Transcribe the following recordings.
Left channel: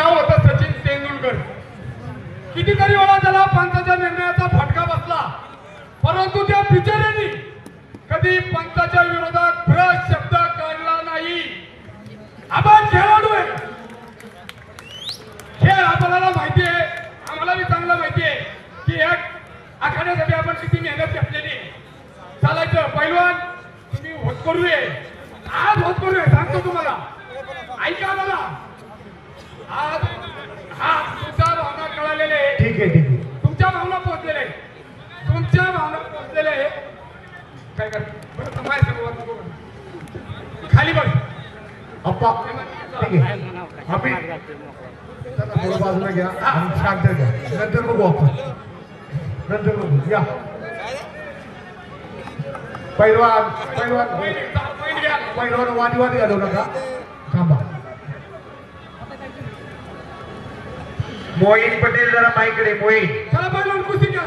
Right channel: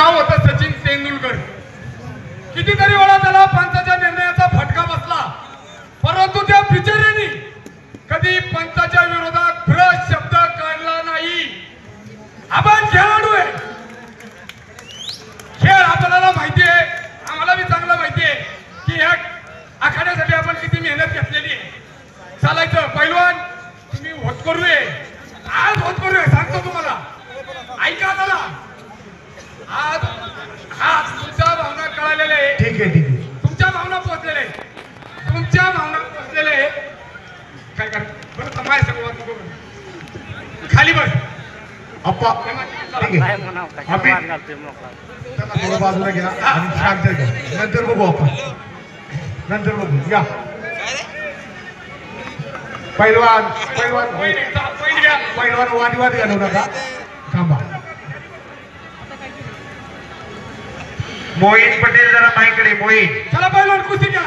नाव होतं सचिन तेंडुलकर. कितीतरी वेळा त्याला पंचाच्या निर्णयाचा फटका बसला, परंतु त्या बिचाऱ्याने कधी पंचाच्या विरोधात भ्रष्ट शब्द काढला नाही. आपण खेळाडू आहे, खेळ आपल्याला माहिती आहे, आम्हाला बी चांगलं माहिती आहे की ह्या आखाड्यासाठी आपण किती मेहनत घेतलेली आहे. चालायचं पैलवान, तुम्ही होत करूये, आज होत करूये सांगतो तुम्हाला. ऐका मला, आज हा तुमच्या भावना कळालेल्या आहे. ठीक आहे, ठीक आहे. तुमच्या भावना पोहोचलेले, तुमच्या भावना पोहोचलेले. काय कर बरं समाय संवाद नको खाली बस अप्पा. ठीक आहे, आम्ही बाजूला घ्या आणि शांत घ्या. नंतर बघू आपण, नंतर बघू. या पैलवान, पैलवान, पैलवान वादविवाद घालू नका, थांबा. मोहित पटेल जरा माईकडे. मोहित, चला पैलवान कुस्ती घ्या.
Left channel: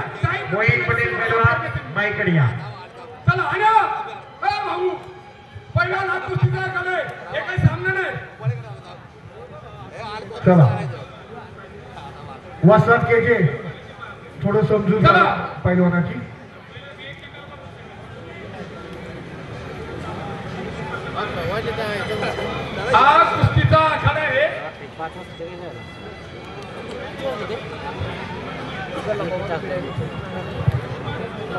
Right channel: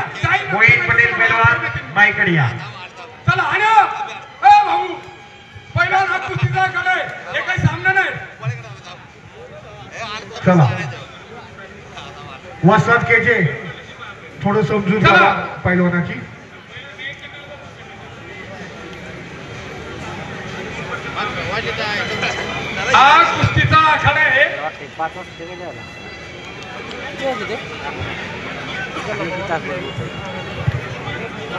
मोहित पटेल पैलवान माईकडे या. चला आणि भाऊ पैलवान हा कुस्तीचा कडे, हे काही सामना नाही. चला वसंत केजे, थोडं समजून घ्या पैलवानाची. हा कुस्तीचा आखाडा आहे.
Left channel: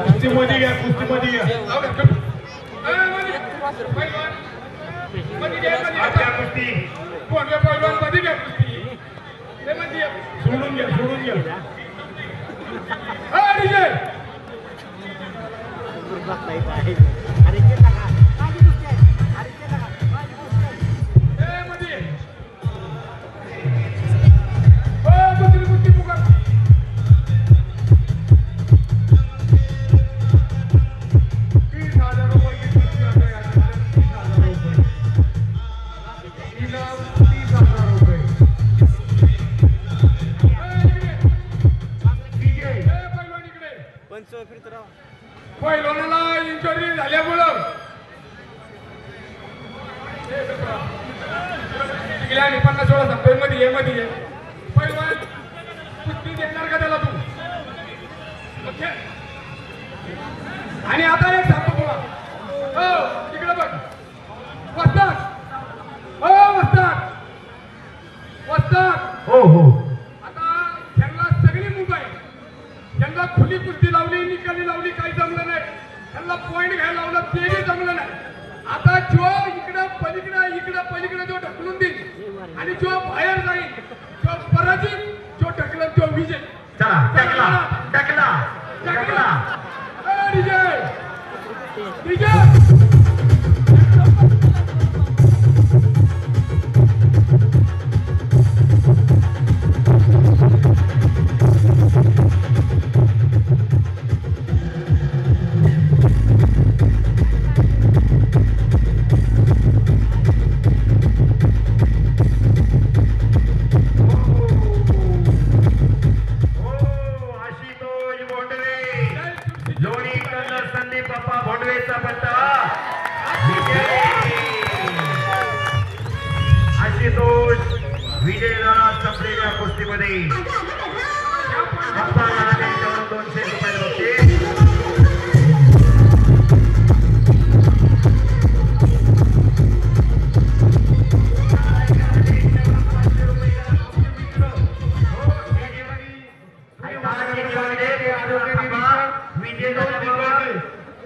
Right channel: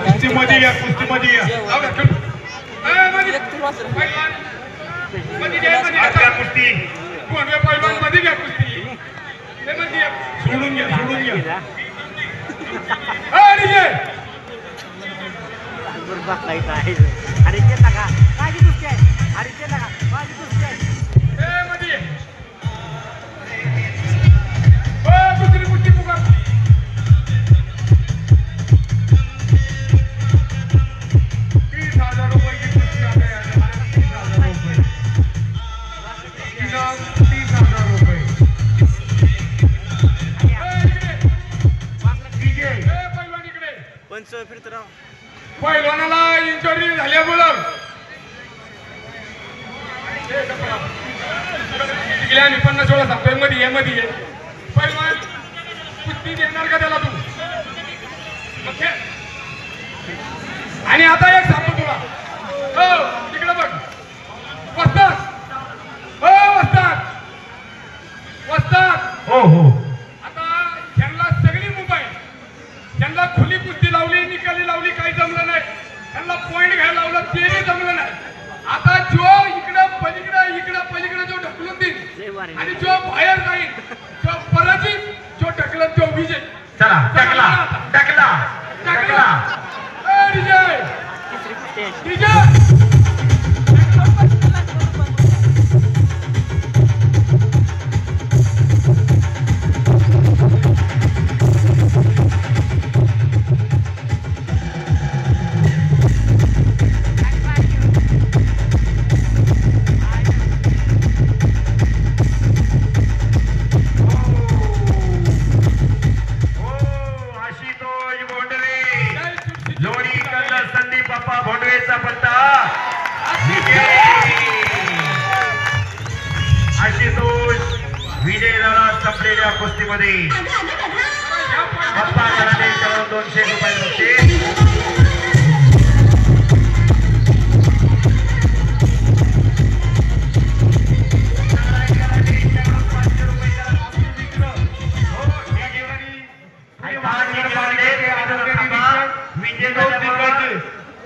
कुस्तीमध्ये या, कुस्तीमध्ये या. कुस्ती पैलवान मध्ये घ्या कुस्ती, सोडून घ्या, सोडून घ्या. पैलवानाला इंजुरी झाल्यामुळं गेल्या 50 सांगतोय मध्ये ये, मध्ये ये. पैलवान कुस्ती देणार का त्याला तू? आणि आता एक सांगतो तुला, हो तिकडे बघ वस्ताद, हो वस्ताद, वस्ताद. हो हो, आता त्यांना सगळी मोबाईल, त्यांना खुली कुस्ती लावली, निकाली लावली, काही जमलं नाही. त्यांना पॉइंट घ्यायला लावलं, ते जमलं नाही. आता जो इकडं पलीकडं, इकडं पलीकडे जो ढकलून देईल आणि जो बाहेर जाईल, जो पराजित, जो ढकलन तो विजय. चला टकला टकला टकला. विजय विजय. विजय झाला संपलेल्या कुस्तीमध्ये. 200 रुपये बक्षीस.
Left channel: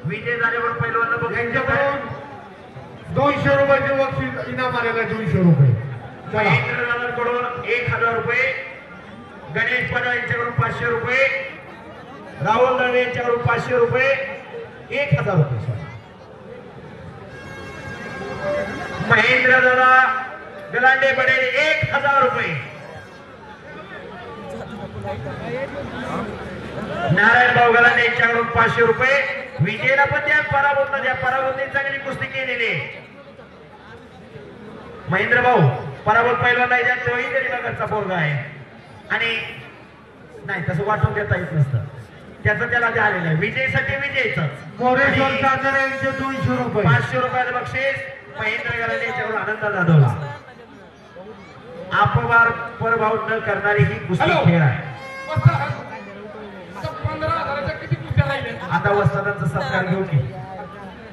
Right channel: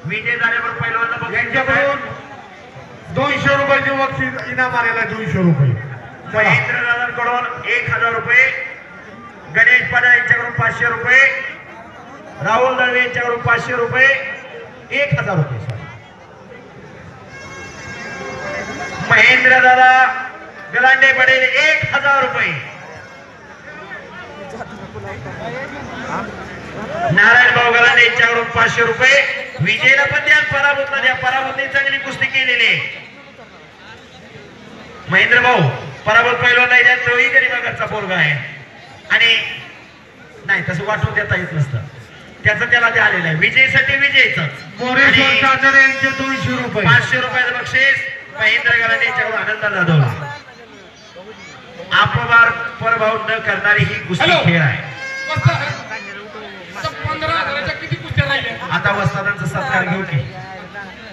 विजय झाल्यावर पहिल्यांदा यांच्याकडून 200 रुपयाचे बक्षीस इनाम आलेलं आहे. 200 रुपये. महेंद्र दादांकडून 1000 रुपये, गणेश पाडा यांच्याकडून 500 रुपये, राहुल दळवे यांच्याकडून 500 रुपये, 1000 रुपये. महेंद्र दादा गलांडे पडेल 1000 रुपये. नारायण भाऊ गलांडे यांच्याकडून 500 रुपये. विजयला पण द्या, पराभूतला द्या. पराभूतने चांगली कुस्ती केलेली. महेंद्र भाऊ पराभूत पैलवान नाही, तोही गरीबाकडचा पोरगा आहे आणि नाही तसं वाटून देता येत नसतं, त्याचं त्याला ते आलेलं आहे. विजयसाठी विजयच. मोरेश्वर चांदणे यांचे 200 रुपये. 500 रुपयाचं बक्षीस महेंद्र गलांडे यांच्याकडून आनंद जाधव. अपवार पराभव न करणारी ही कुस्ती हॅलो. खेळ आहे. वस्ताद, आता 15,000च्या किती कुस्त्या राहिल्या? आता वस्तादांचा सत्कार घेऊ की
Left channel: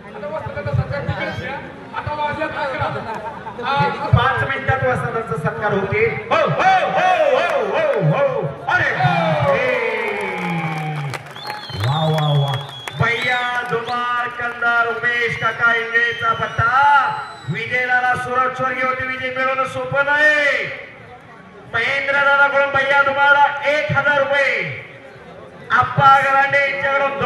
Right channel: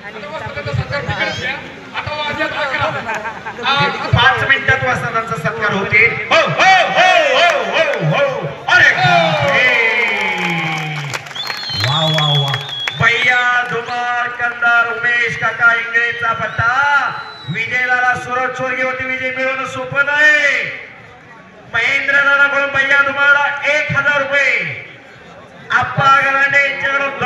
आता वस्तादाचा सत्कार तिकडेच आहे. आता वाजल्यात 11. 5 मिनिटात वस्तादांचा सत्कार होते. हो हो हो हो हो हो अरे वा वा वा भैया धुमाळ कंदार उमेश काका इंगळेचा पट्टा विजयला सुरत चोरगे होती. विजय मिळवणं सोपं नाही. महेंद्र दादाकडून भैया धुमाळला 1,000 रुपये. आप्पा गलांडे यांच्याकडून